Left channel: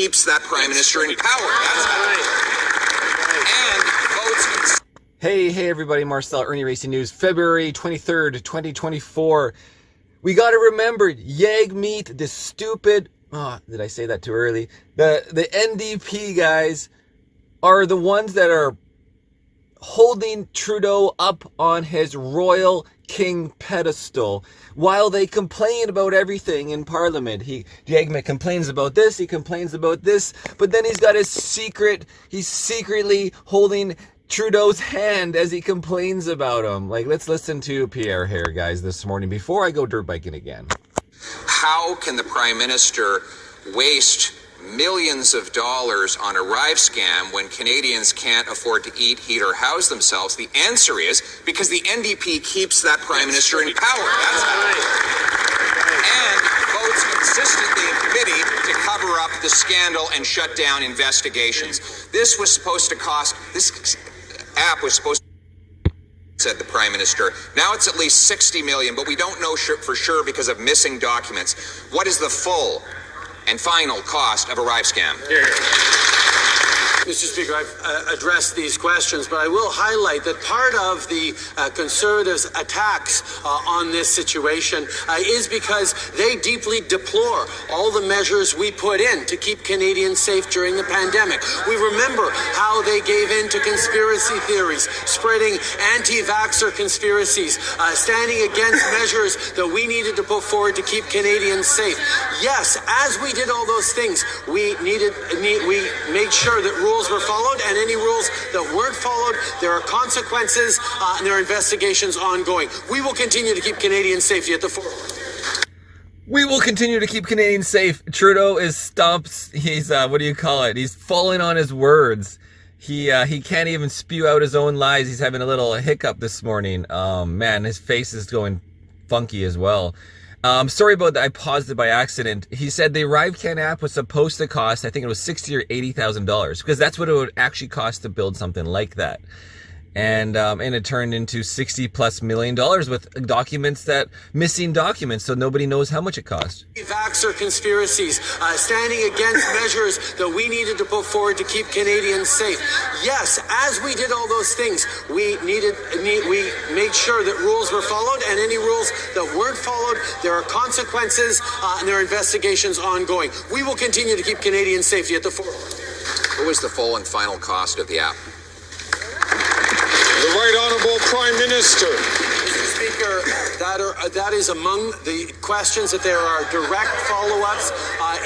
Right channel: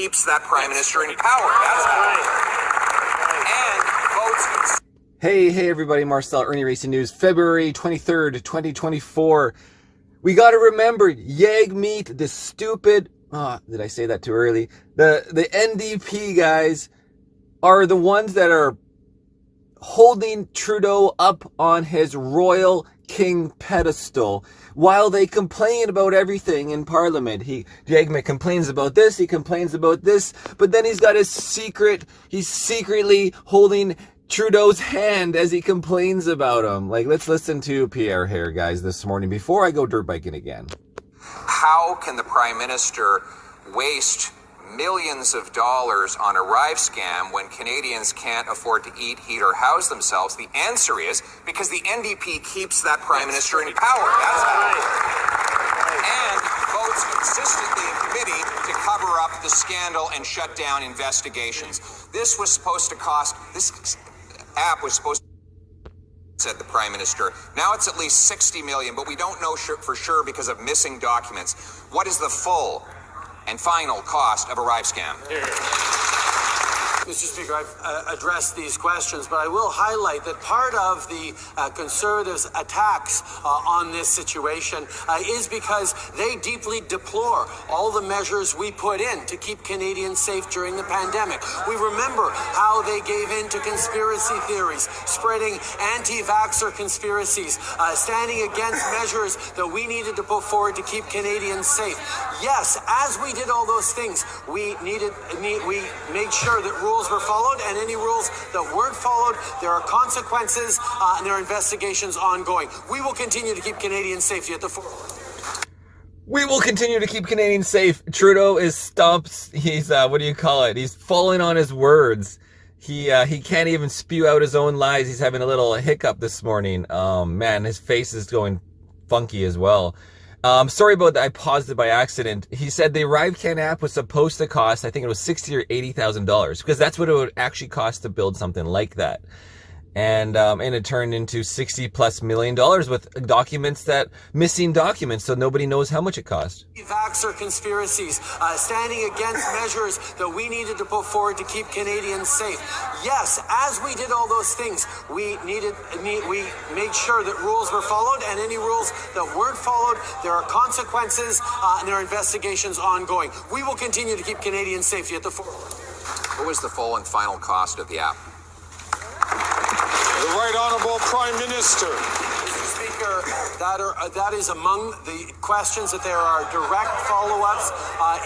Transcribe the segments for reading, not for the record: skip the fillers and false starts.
keeps that prime minister in power. That's right. And votes. Hey everybody, Marcel Irnie Racing News, February 23rd, 2024. We got to remember, Yag Meat, this stupid, did I say that too early? The NDP guys are the ones that are holding Trudeau up on his royal king pedestal while they complain about everything in Parliament. Yagmet complains about this, he complains about this, but then he's got he's secretly holding Trudeau's hand as he complains about him. Like, let's listen to Pierre here, guys, this morning before I go dirt biking again. How can the Prime Minister waste millions of dollars on a Rive scam when Canadians can't afford to eat, heat, or house themselves? The answer is because the NDP keeps that Prime Minister in power. That's right. And votes consistently in committee to cover up the scandal and shut down investigations. This app was supposed to, said the Prime Minister. Now it's at least 60 million, but we don't know for sure because of missing documents. What is the full and final cost of a Rive scam? Mr. Speaker, I've addressed these questions, but I will highlight that part of the Conservatives' attacks on this situation is because they deeply deplore all the measures we put in to keep Canadians safe during the pandemic. We remember how they gave in to conspiracy theories, spreading anti-vaxxer conspiracies, standing against measures that we needed to put forward to keep Canadians safe. Yes, as we did all those things, we made sure that rules were followed, and any rules that weren't followed, there are consequences and there are investigations ongoing. We will continue to keep Canadian safety at the forefront. We will continue to keep Canadians safe. Trudeau is he's he's falling on his words. He can't even spew out his own lies. He's having a little hiccup this morning. Man, his face is going funky as well. Sorry about that. I paused it by accident. He said the ArriveCan app was supposed to cost, I think it was $60,000 or $80,000, because that's what it would actually cost to build something like that. And it turned into $60+ million with missing documents, so nobody knows how much it cost. Vaxxer conspiracies, standing against measures that we needed to put forward to keep Canadians safe. Yes, as we did all those things, we made sure that rules were followed, and any rules that weren't followed, there are consequences and there are investigations ongoing. We will continue to keep Canadian safety at the forefront. What was the full and final cost of the app? The Right Honourable Prime Minister. Mr. Speaker, that is among the questions that there are direct follow-ups,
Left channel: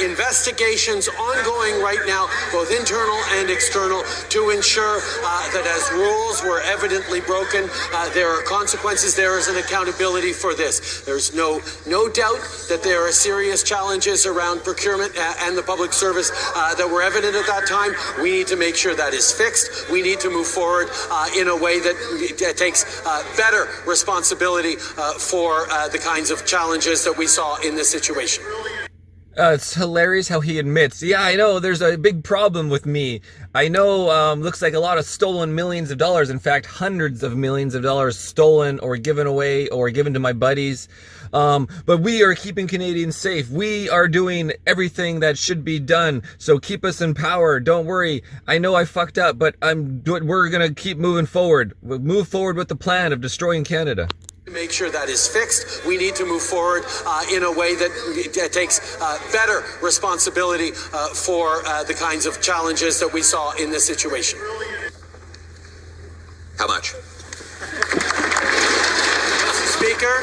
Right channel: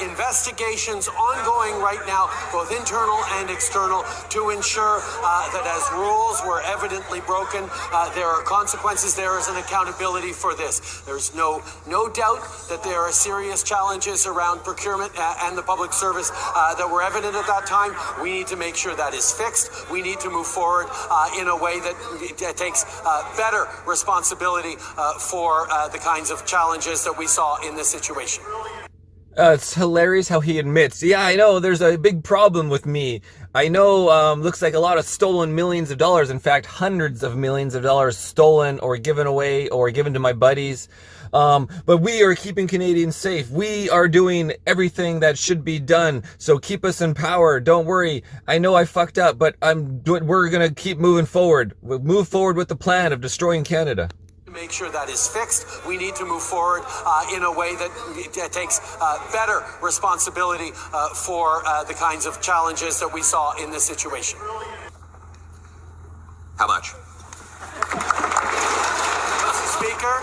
investigations ongoing right now, both internal and external, to ensure that as rules were evidently broken, there are consequences, there is an accountability for this. There's no doubt that there are serious challenges around procurement and the public service that were evident at that time. We need to make sure that is fixed. We need to move forward in a way that takes better responsibility for the kinds of challenges that we saw in this situation. It's hilarious how he admits, yeah, I know there's a big problem with me. I know, looks like a lot of stolen millions of dollars. In fact, hundreds of millions of dollars stolen or given away or given to my buddies. But we are keeping Canadians safe. We are doing everything that should be done. So keep us in power. Don't worry. I know I fucked up, but we're going to keep moving forward. We'll move forward with the plan of destroying Canada. Make sure that is fixed. We need to move forward in a way that takes better responsibility for the kinds of challenges that we saw in this situation. How much? Mr. Speaker,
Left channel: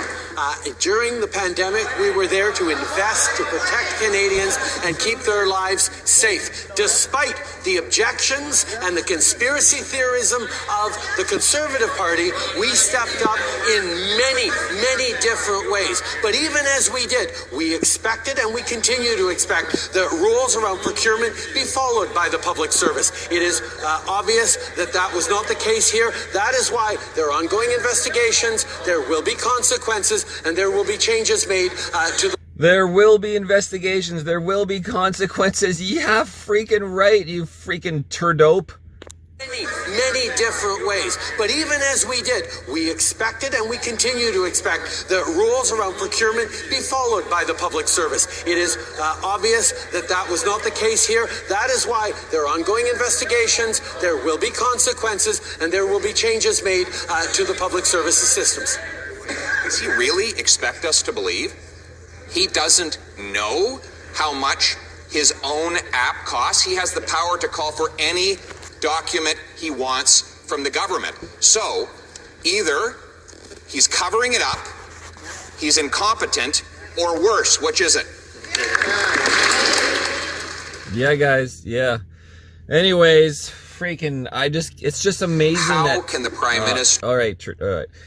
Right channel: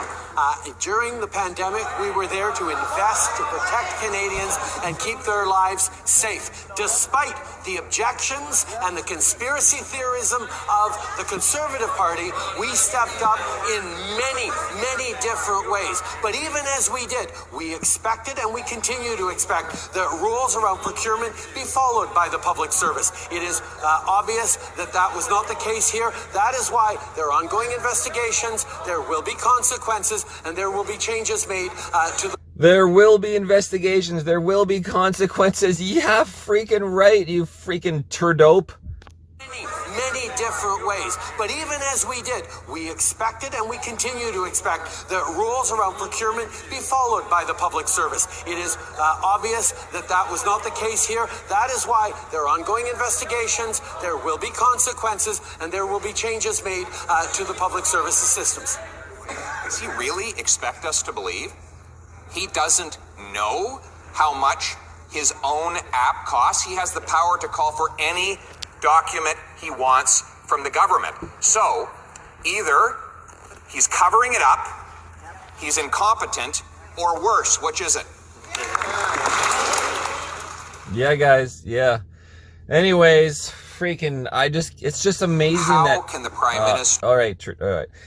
during the pandemic, we were there to invest, to protect Canadians and keep their lives safe. Despite the objections and the conspiracy theorism of the Conservative Party, we stepped up in many, many different ways. But even as we did, we expected and we continue to expect that rules around procurement be followed by the public service. It is obvious that that was not the case here. That is why there are ongoing investigations, there will be consequences, and there will be changes made to the... There will be investigations. There will be consequences. Yeah, freaking right, you freaking turdope. Many different ways. But even as we did, we expected and we continue to expect that rules around procurement be followed by the public service. It is obvious that that was not the case here. That is why there are ongoing investigations, there will be consequences, and there will be changes made to the public services systems. Does he really expect us to believe he doesn't know how much his own app costs? He has the power to call for any document he wants from the government. So, either he's covering it up, he's incompetent, or worse. Which is it? Yeah, guys. Yeah. Anyways, freaking, it's just amazing How can the Prime Minister... All right.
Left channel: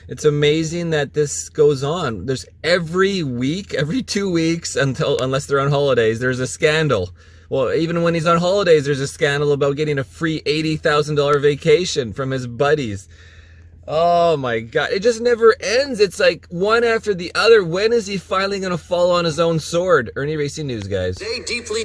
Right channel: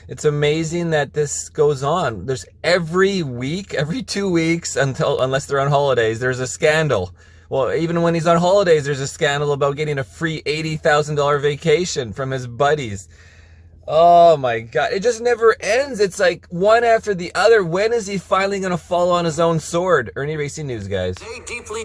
It's amazing that this goes on. There's every week, every 2 weeks, unless they're on holidays, there's a scandal. Well, even when he's on holidays, there's a scandal about getting a free $80,000 vacation from his buddies. Oh my God. It just never ends. It's like one after the other. When is he finally going to fall on his own sword? Irnieracing News, guys. They deeply